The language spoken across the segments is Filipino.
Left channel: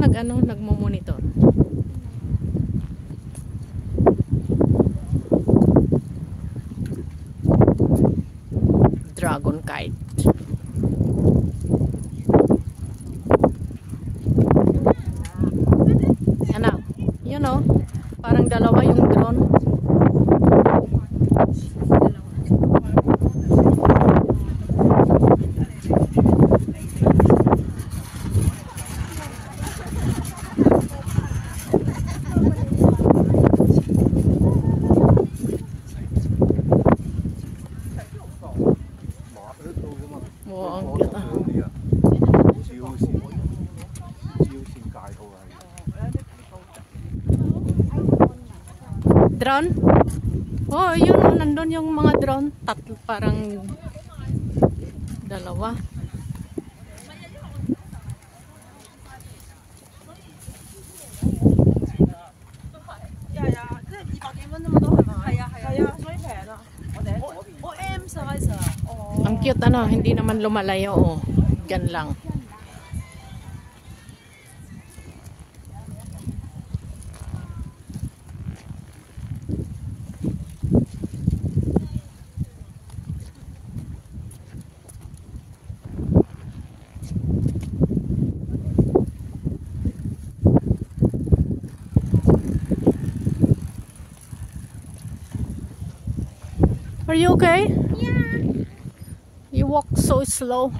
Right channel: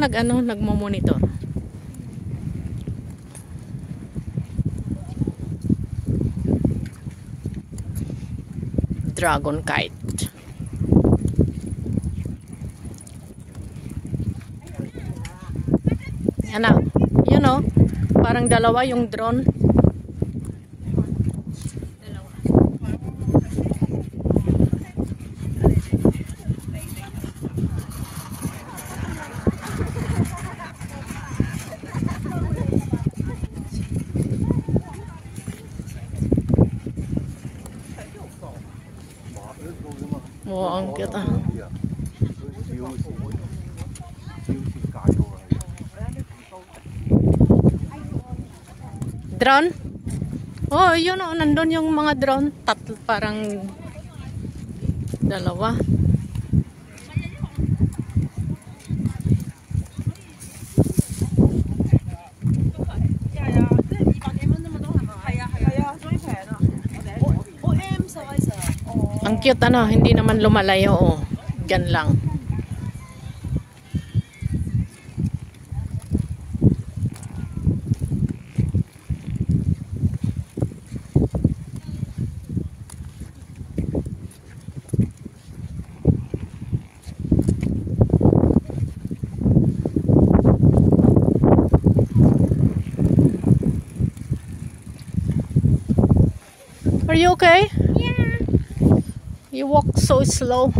lang nagmo-monitor. Dragon kite. Ano? You know, parang dalawa yung drone. Oo, ang cute ah. Drone? Oh, yun oh, nandun yung mga drone. Tatlo, parang dalawa. Ang cute ano, hindi naman lumalayo oh. Diyan lang. Are you okay? Yeah. You walk so slow.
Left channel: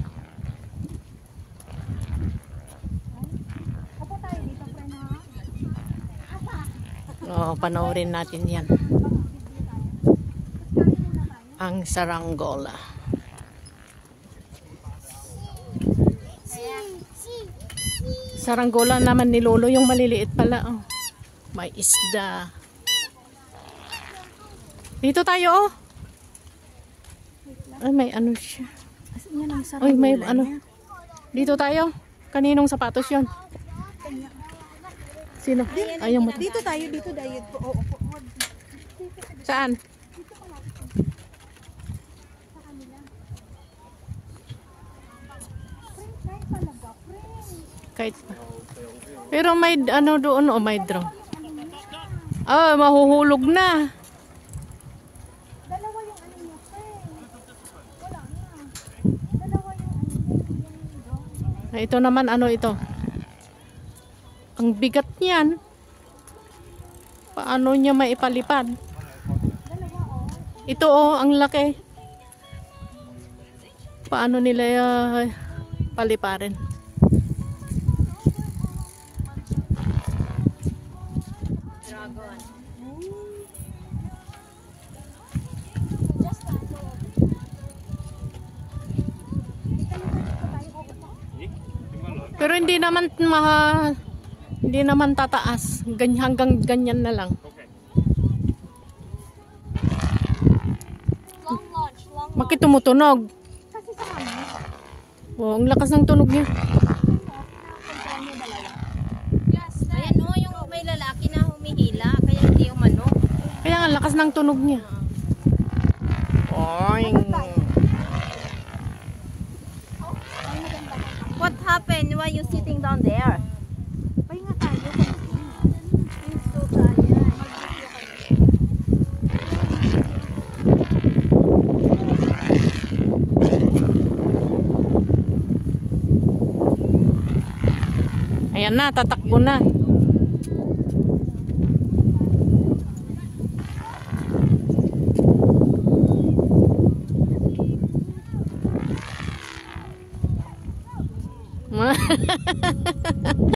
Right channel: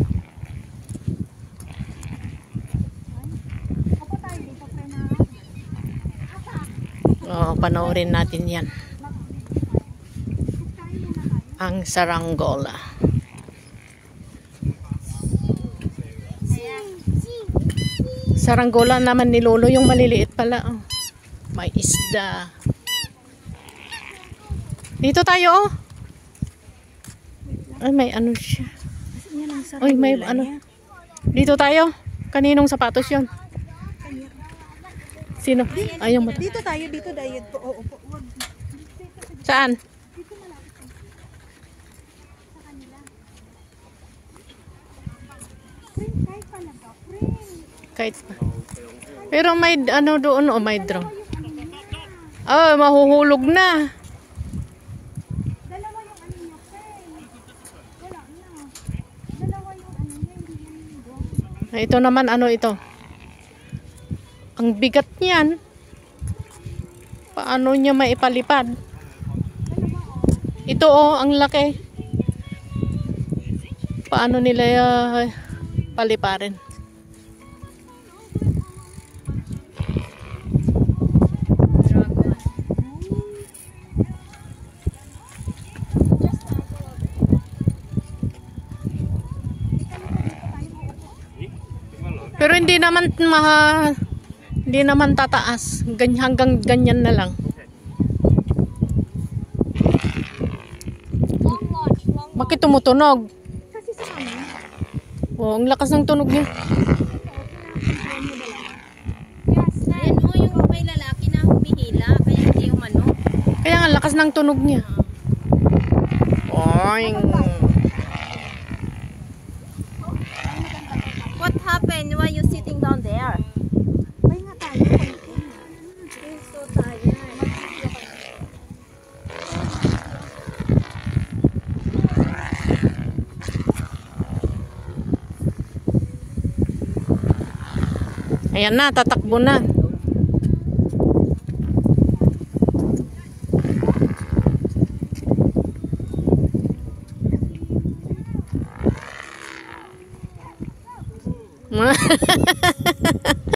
Oh, panoorin natin yan. Ang saranggola. Saranggola naman ni Lolo, yung maliliit pala. Oh. May isda. Dito tayo oh. Ay, may ano siya. Ay, may ano. Dito tayo. Kaninong sapatos yun? Sino? Ayaw mo. Dito tayo, dito tayo. Oo, Saan? Kahit pa. Pero may ano doon o may drone. Ah, mahuhulog na. Ito naman ano ito? Ang bigat niyan. Paano niya maipalipad? Ito oh, ang laki. Paano nila paliparin? Pero hindi naman tataas. Hanggang ganyan na lang. Bakit tumutunog? Oh, ang lakas ng tunog niya. Ayan mo yung may lalaki na humihila, kaya hindi umano. Kaya ang lakas ng tunog niya. Oing. What happened? Why you sitting down there? Ay nga tayo. He's so tired. Ayan na, tatakbo na.